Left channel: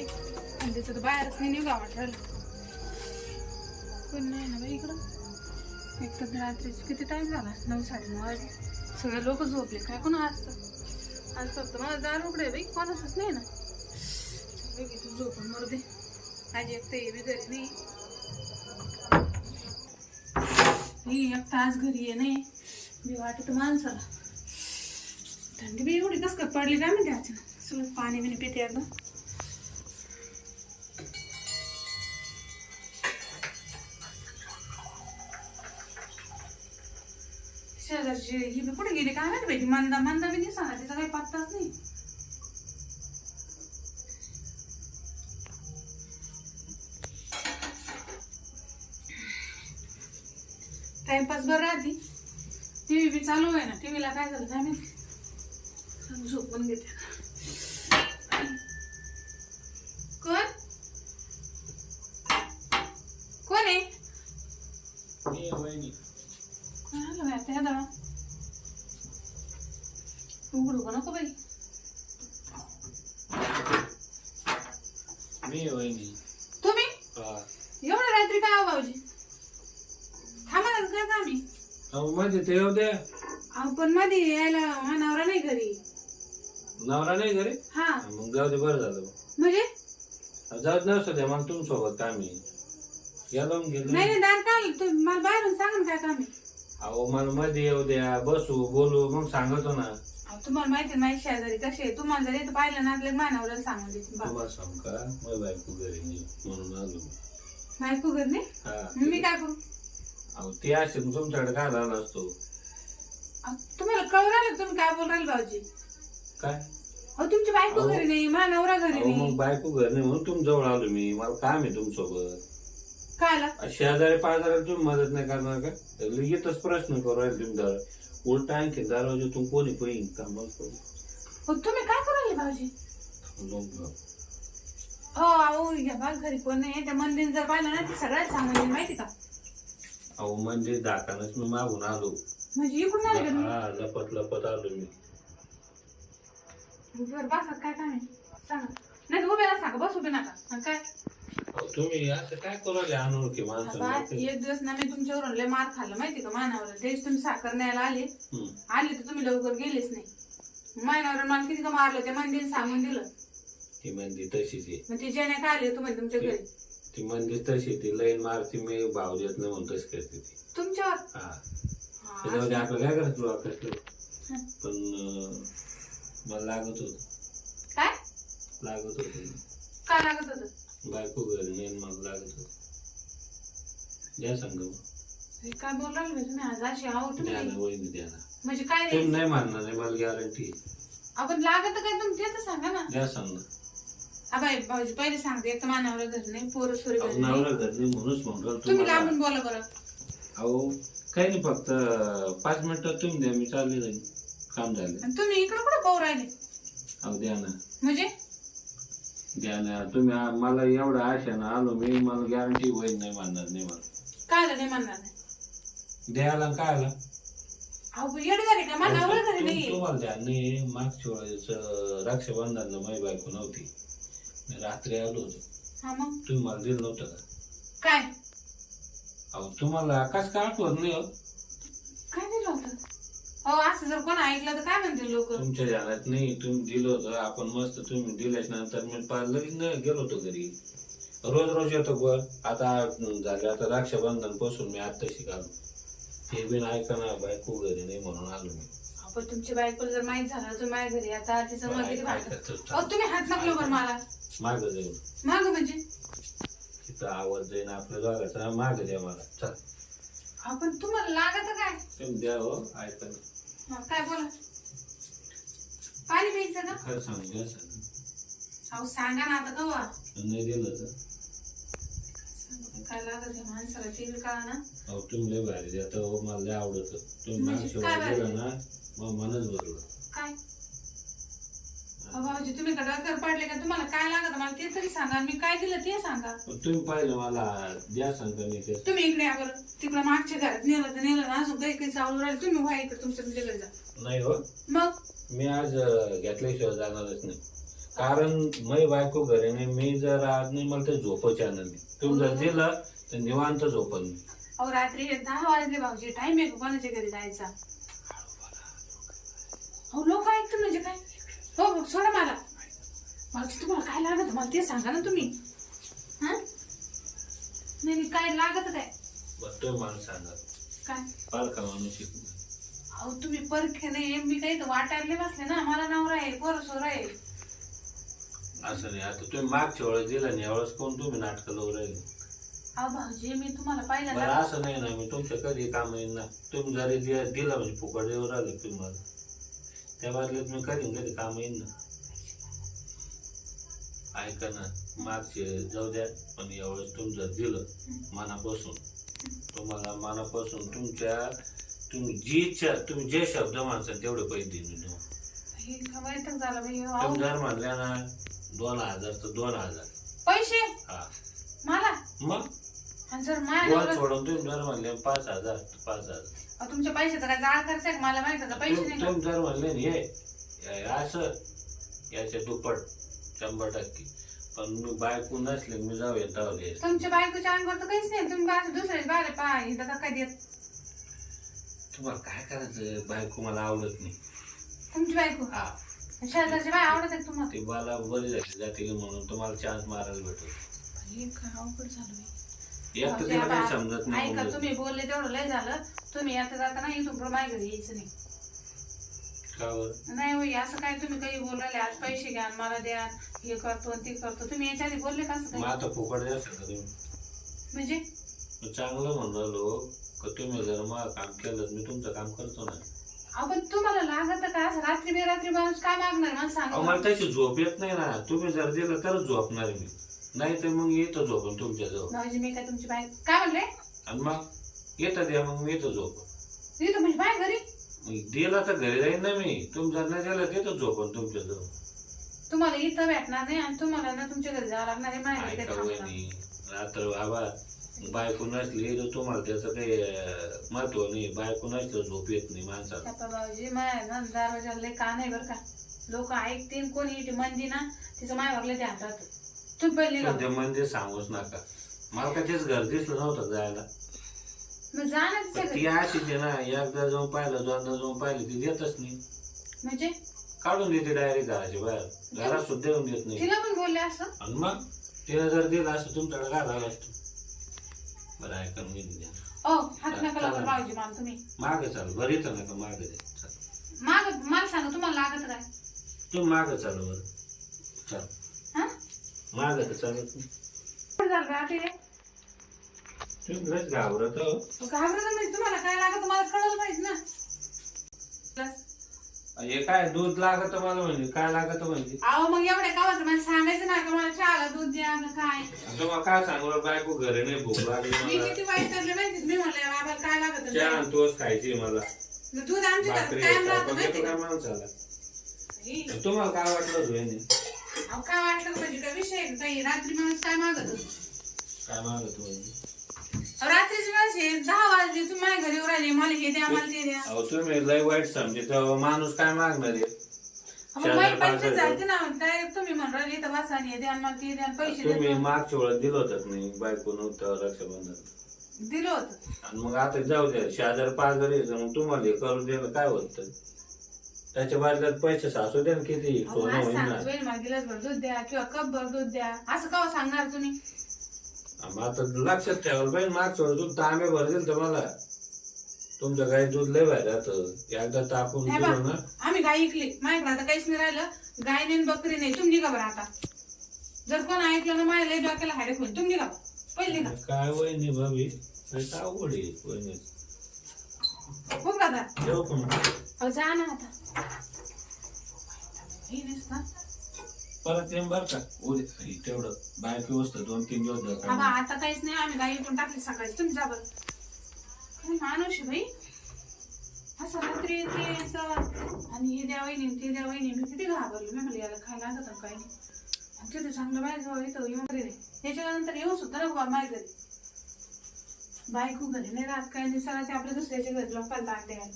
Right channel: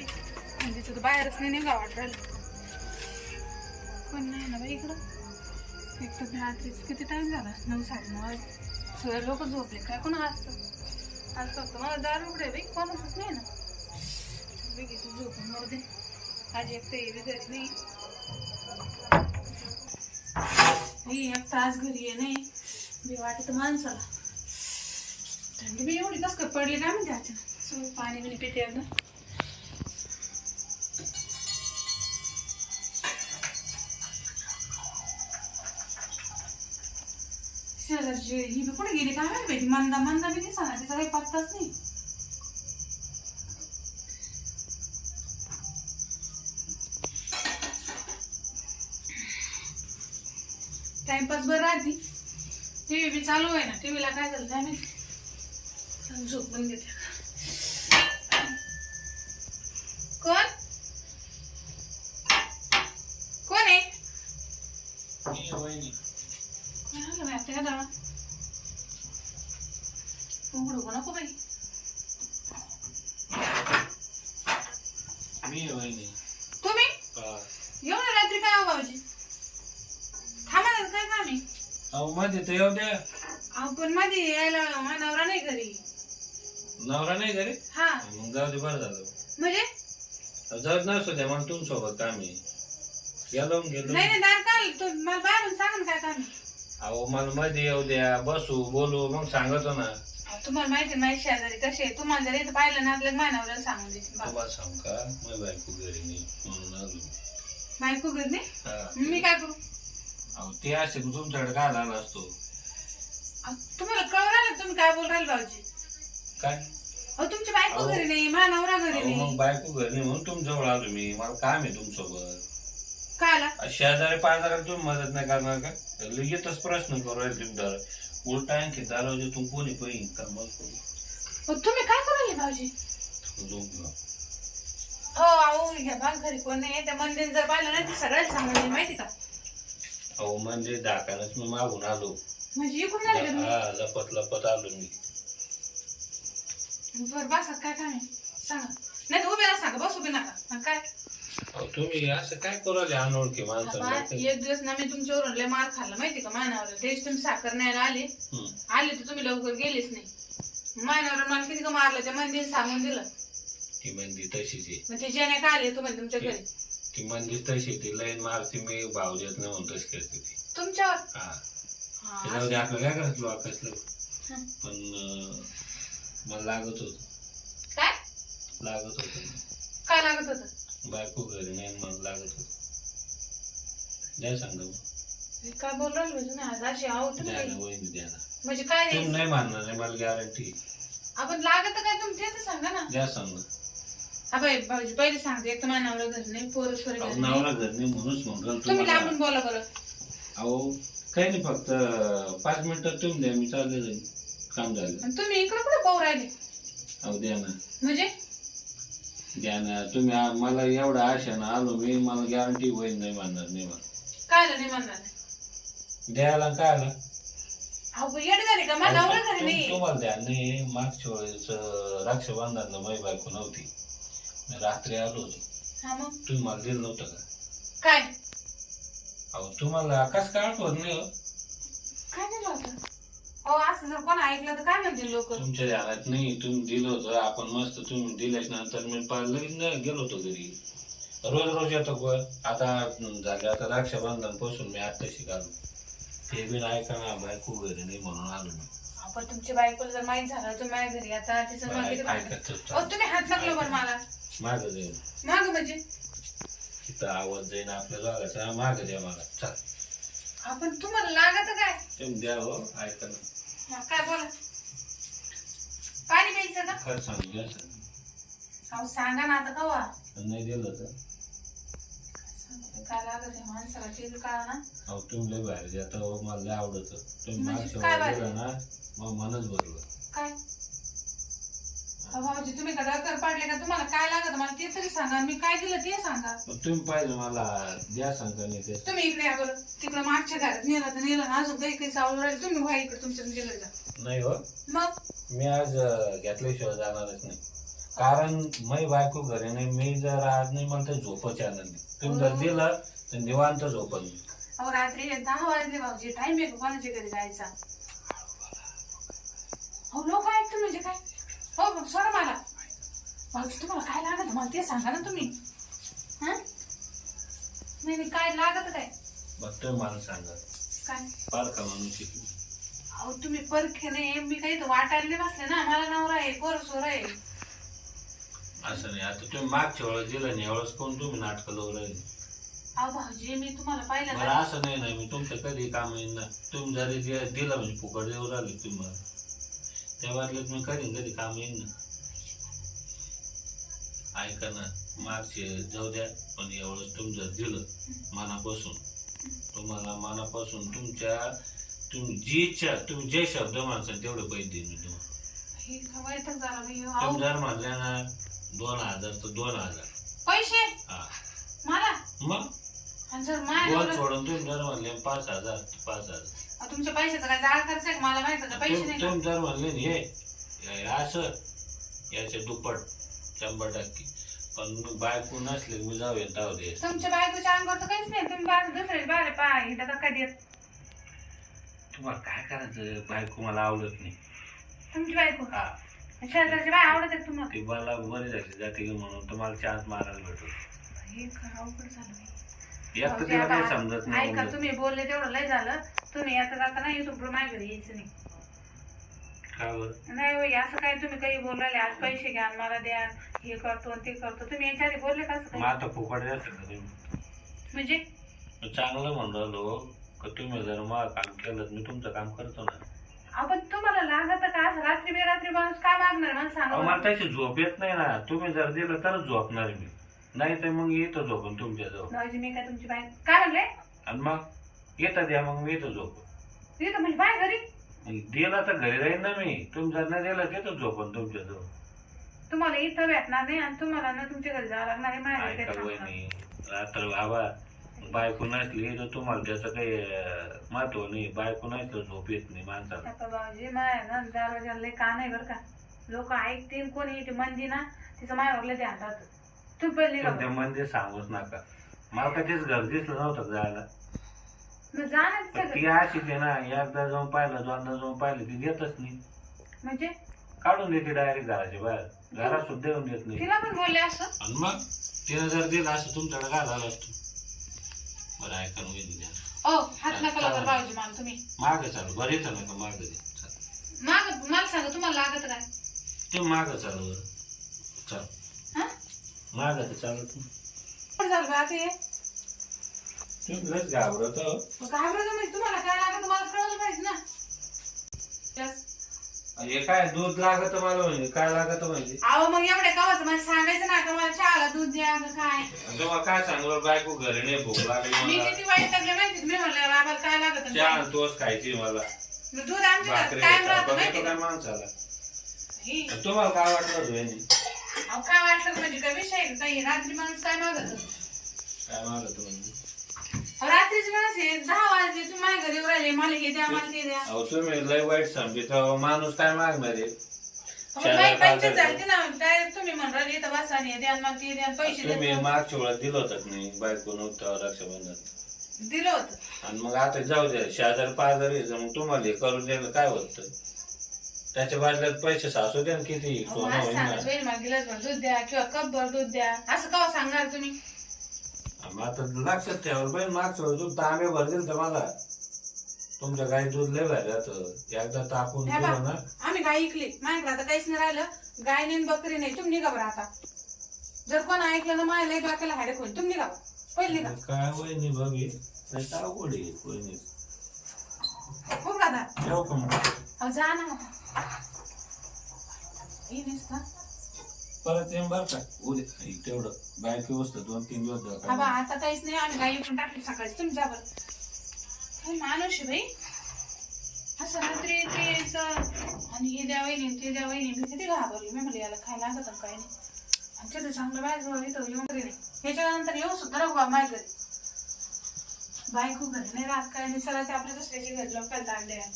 बाई थंडीचं तर बाहेरच नाही निघा वाटायला पण नाही ना बाई इकडं. एक तर रात्रीच किती टाईम झाला नऊ साडेनऊ वाजले. सगळे लोक झोपले. काय कोण असतं? आज फक्त मला दार उघडे बाई. कोणाचंच नाही ना. बाई तू झोपून मरू दे. आज एक तर हे घरी नाही. ही एक तास घरी ये नाही. बी वाटत माणसाला. थंडी बी एवढी कस पडली काय म्हणते अचानक सगळं पाणी बिणी पिते एकदा. शेजारची ही बी कुठे गेली? काय माहिती बाई मंदा मंदा बी नाही सांगा तिचा काही पत्ताच नाही. टाइमपास बरं राहते टी व्ही बी चालू आहे ना टी व्हीला काय झालं काय माहिती? झोपून घेते. कोण आहे कोण आलं बाई आता का उघडू का नको बाई. मी वहिनी. तुम्ही? हा. एवढं रात्री काय आहो भाऊजी? थांबा ना काय काम आहे? अहो मध्ये ते येऊ द्या. अहो पण मध्ये यायला हा नवरा नाही घरी. नवरा नाही घरी? हा. मग जाऊ दे बरं झालं. म्हणजे? जाऊ दे नसतो द्या मला तुमच्यासोबत काम आहे. या लावून गेलो नाही नाही दार काय तू मला बाहेरून सांगा ना काय काम आहे. अहो मला मध्ये येऊ द्या बसू बोलू मग सांगतो ना. अहो, तुम्हाला माहिती आहे माहिती शेजारी कशी आहे? तुम्हाला जर इथं पाहिलं ना आपल्या मानावर सांगून देते बाबा तुम्हाला सांग का? बायको घरी नाही म्हणून आलो. मी. बायको घर नाही? हा. मग मी काय करू? अहो ते असे तुमच्याकडे काय झाला असतो? तुम्हाला कळू राहिलं तुम्ही काय बोल राहिले भाऊजी? काय? अहो तुमची बायको अहो. घरी नाही मानावरा घरी अहो मग नाही बायको घरी नाही म्हणून तुमच्याजवळ आलो मी. मला काम आहे तुमच्यासोबत. शेजारी पाजाराला तुम्ही मदत नाही करणार का? येतच प्रश्न करू राहिले तुम्ही दर उलटा आणखी दरवाजे कोणी पहिली कामाला करू अहो, तुम्ही काय करू राहिले भाऊजी? झोपलो. हो अहो या बाग घरी कोण नाही त्या मंदिर जर पाहिलं ना ते सगळ्यात माहिती का? अहो म्हणजे दाखानच मी मागून आलो. म्हणजे इकडून आले का तुम्ही? हा लपत लपत आलो मी. बरं बसा काय काय? नाही सांगा. नाही तर उभे राहा सांगा. बस उभे नका. आणि काय? तुम्ही असं काय करू राहिले अनोळखी बाबा, माणसं एक दिवस ना मी तुमच्यावरून लय मार खाल्ला माहिती का? मानावर तेच तुम्ही साखर न्यायला आले. आले तर तुम्ही लवकर गेलेच नाही. मानावर मला किती का मारलं ते मंदिर सांगून दिलं. ती मंदी तशीच आहे. मग ते जेणे काय आले तुम्ही तुमच्या घरी? ती मंदी तशी ती लईन मारती मी भाव देत नाही म्हणून तशी करते ती. तुमच्यावर? हा. हा. आपलं काय करायचं बा कसलं? हं. पण अं, मला लागत होत. काय? लागत होत. काय लागत होत? बायको घरी नाही मला लागत होत. द्या सांग मग. काय म्हणजे आज अशी आहो द्या ना तुम्ही वहिनी द्या ना. म्हणजे काय तुम्ही नाही मानणार नाही मला गॅरंटी आपण लागत काय तुम्ही ते तर सांगा ना. द्या सांग. अबाई भाऊजी पहिले सांगते एक तर मानावर घर नाही पोरं सोरी अहो घर नाही. नवरा घर नाही म्हणूनच म्हणतो तुम्ही तुम्हाला. लांबून बोला बरं. अहो काही नाही फक्त पाच मिनिटात तुम्ही द्या मी चालले जाईल काम झालं. आणि तुम्ही इकडं कुठं पाहू राहिले? अहो द्या ना. म्हणजे? द्या ना तुम्ही आ- मला एवढं आशानं आलो मी मला गॅरंटी होईल नाही मानणार नाही मला काय आलं नाही म्हणणार? नाही द्यायला काय आला अहो येड का? मला नवरा घरी तुम- नाही. तुम्हाला द्या. नाही मागच्या वेळेस रक्षाबंधनला माझी बायको नव्हती. मी रात्री आलो होतो. हा मग? तुम्ही मला दिलं नव्हतं का? काय? अहो तुम्हाला कसं काय आठवत नाही हो? काय दिलं होतं? अहो असं जर कोण ऐकलं तर काय म्हणतील लोक? तुमच्या ध्यानात नाही तुम्ही दिलं होतं आपण मस्त तुम्ही दिल्याच नंतर मी पार लगेच न- गेलो होतो घरी. रोज रोज येतो ग. आता झाले आता रक्षाबंधनपासून मी आता शिकालो. ते बी ऐका ना बायको घरी नाही म्हणून आलो मी. आपण बायकोला जर माहीत झालं तुम्ही माझ्या घरी आता तिचं मग किती भांडण. ऐकत अहो तुम्ही हात बरं मला. माग जाईल माग म्हणजे? तिथं आवाज जाईन आपल्या जागाचा माग द्या मला. चल. आपण तुम्हाला लागत काय? तुम्ही द्या हो ऐका ना. हा, काय बोला? पाणी प्यायचं का सांगू द्या सांग अहो सांगा ना आता कवा? नाही दिलं तर? काय लागत आहे माणसाला? टीव्ही काढा ना. अहो तुम्ही लय बाहेर द्या तर मला लय आवडत. तुम्ही म्हणजे काय बाहेर? ना मग मनच भरलं काय? अहो भाऊजी तुम्ही का डॉक्टर पडले का? तुम्हाला काय लागत? मला ते तरी सांगा. मी काय दिलं ते सांगा. पण तुम्ही पाहिलं मला द्या सांगता मी ते. तुम्ही इकडे या बरं. तिकडे मागच्या घरात नेलं तर नेलं ना. अजून काही काही चावलं राहील. तुम्ही व्हा इकडे. तुमच्या तुमच्याकडे जा नाही हो. मग? मी आज अं, घेतल्याशिवाय जाणारच नाही. कारण मै बायको घरी नाही. मी जर आज नाही मला ते झोपच आलं नाही. तुम्ही जर दिलं तर निवांत झोपल मी. अहो रात्री दहा वाजले भाऊजी. टाइम आहे का कोणाच्या घरी जायचा? हो लोक ऐकतो म्हणजे काय? हो सोडा मला. भाऊजी तुम्हाला काय लागत मला ते सांगा ना तुम्ही. हा? नाही नाही काय लागत काय तुम्ही मला सांगा. काय? फार का माणूस आहे. अहो तुम्ही परखे नाही. मी काही तर वाटायला नाही बसले ना. मला नवरा आहे पोर सोर आहे. असं नाही. आता तुम्ही मागच्या वेळेस दिलं नाही. यावेळेस कोण तुम्ही नाटकं लावून राहिले? अहो भाऊजी मी तुम्हाला बरं पाहिलं असं नाही ना. मी तुमच्या कधी काम येईल ना. तुम्ही जरी दि- दिलं म्हणजे फुकट देऊ राहिले तुम्हाला त्या बदल्यात मी कधीन कधी काम येईल ना. ऐका ना मागचे जाऊ द्या पण एवढंच तुम्ही जर दिलं मनापासून. तुम्हाला मनापासून तुमच्या तुम्ही जी इच्छा तुम्ही जे शब्द माणसाल तेवढे पैसे देईन मी तुम्हाला. तुम्ही जर म्हणल्या ना दोन हजार तर दोन हजार. पैसे? हा. मला? मग? आणि सोडून तुम्ही जर म्हणले पाच हजार तर पाच हजार. अहो, तुमच्या पैशाचा काय जाळ खर्च आहे का? मला माहीत होतं पैसे नाही का? तुम्ही जर म्हणले ना हे हे असं याचे दुप्पट शंभर टक्के. पण मी बायको नसले मी जाऊ येता दे. तुमच्या बायकोच्या अंगावर तर काहीच नाही तुम्ही बाहेर दुसऱ्या बाहेर पाय इथं का तुम्हाला काय करायचं? बायको मला आवडत नाही. तुमची बायको? हा. शेजारची बाय आवडत आहे तुम्हाला? ती मला बरी झाली जाते की म्हणून तुम्हाला चान्स मारायला भेटतो. हे अवघड झालं बाई. एक तर भाऊजी, तिला काही आता समजत नाही ऐका मुलं. तुम्ही बोलले तेवढं लय झालं. तुम्ही येता जाता नाही माझ्या घरी यायचं नाही. का बरं? नाही होई असं काय तुम्ही काही बोल राहिले? आज पैसे घ्या मला द्या हे करतो ते करतो. तुम्ही याच्या आधी बोलले का असं मग काही आता फुकट तुम्ही? म्हणजे? मी चांगलं म्हणून राहिलो का तुम्ही जर मला काम केलं तर मी तुमचं काम करतो ना. आपण तुम्हाला लागत का? असं रात्री बेरात्री माणूस काय मागणार? मला अहो, सांगा मला तशी झोप येत नाही ना. तुम्ही जर दिलं तरच झोपणार मी. नाही तर मग येतो झोपून तुमच्याजवळ. भाऊजी मी काय तुमची बाय काय म्हणले? आणि मग येतं द्या मग मी येतो झोप इथं म्हणजे बाय घरी. मग दिला तर घरी राहील ना मी. जर नाही दिलं देतो झोपून तुमच्याजवळ. तुम्हाला इथं भेटणार नाही आणि तुम्हाला ना तुमच्या घरी जावं लागणार आहे माझ्या घरी काही थांबणार. वहिनी रात्र बाबा बायको नसली तर तुम्हाला त्याचं काही अं, महत्त्व नाही. बायको नसलं झोप येत नाही माणसाला. आता भाऊजी माय ना दरवाजाला लय कान आहे बरं का. लोक ऐकतील कोणी इथे मंदी ना तिचं मायावर लय ध्यान राहतं. तुम्ही पहिले निघा पण ते म्हणजे सांगूच नका. मला काय तेच घर दिसलं नव्हतं जायला? मग जा ना तिच्या पण घरी. ती अशीच आहे ना एकदा जाऊन पाहिलं दोनदा जाऊन पाहिलं ती देतच नाही. म्हणजे? काढून देते डायरेक्ट घराच्या बाहेर. घरात सुद्धा येऊन देत नाही. तिला पण बोलले असं? आणि मग तिने जर दिलं असं तुमच्याकडे काय झालं असतं? बरं ऐका ना वहिनी द्या ओ हात नका चालेल. लावा भाऊजी मला तुम्ही. मागे चालू बरं येतं नका मागे दे. चल. माग मला सांगा तुम्हाला लागत काय ते मागं चालू बरं. चल. मागं तर चालत काय झालं बा आता हे? घाबरत नाही तुम्हाला काय लागत मला कळलं पाहिजे ना. बस. हे काय दूध लागत मला म्हणजे काय लागत म्हणजे? अहो मग एवढ्या कावाचं मला सांगायचं ना का मला चहाला दूध द्या का काय? आणि तुम्हाला काय सांगू बायको घरी नाही भूक लागली मी मला. किती वाईट माहिती मी म्हणलं बाबाला काय लागत चहा आणि तोच खायची मला. दूध आमच्या घरात भाकरी कायम राहतं बघतो माहिती काय का? माणसाला. ही. आणि तुम्हाला काय वाटलं अहो काय वाटलं म्हणजे काय विषय आहे? काही रात्री माणूस काय मागत काय मागत तुम्ही अहो, रात्रीची माणूस आहे. दहा वाजले तू माझ्या घरी येऊन राहिले. मला हे द्या मला ते द्या. अहो तुम्ही लय वाईट समजे. तेव्हा माणूस काय मागणार आहे? अहो, चार पाच ना. तुम्ही म्हणून राहिले इथं बसा आणि हे द्या आणि मला ते द्या आणि पैसे तुम्ही मागच्या दिलं होतं का नाही? बायको नव्हतं रक्षाबंधन. दिलं होतं. आणि मग आता जाऊ द्या. शेजार यायचं मग तुम्हाला हे करून द्यायला काय होतं? त्याच्या बदल्यात पैसे सासू द्या ना किती अहो, सोनं आज होईल सांगत ना होईल मला गिलासभर दूध द्या किंवा कपभर दूध द्या. असं का सांगणार तुम्ही? मग आता लक्षात ठेवायला पाहिजे वेळेस दूध तांबे भर दिलं तर मला. तुमच्या गाई दूध लय भारी राहतं. एकदा तापून नाही दिलं ना. आम्ही गाय ऐकली माझ्याकडे आता काहीच नाही राहिलं. गाय नाही बकरी नाही तुम्ही निघा बरं आता. जर कोण ऐकलं ना माझ्या लय डोक्याला हाडे खोल. तुम्ही निघा. पहिले निघा. काय वहिनी भाभी? काय अवघड आहे वहिनी हो दादा. मग. अहो जा ना आता. हे नसतं परत येईन बरं का? उद्या हे तेवढं. बायको व्यवस्था दोन तीन दिवस जाऊ आता काहीच नाही. आम्ही गाई पण टाकली सकाळी. तुम्ही जा बरं. काय माणूस आहे बाई? असं रात्री येते असं आणि हे द्या वहिनी ते द्या वहिनी. मी किती घाबरली. मी म्हणले याला खायला लागत आणि काय नाही. आणि तिथं चांगलं बाय जवळ इथं येऊन घरी नाही. याच्यानंतर येऊ सुद्धा नको माझ्या घरी. बायको घरी नाही राहत काय नाही. सगळं ते आपल्या दुसऱ्याचे घर लोक ताट द्यावे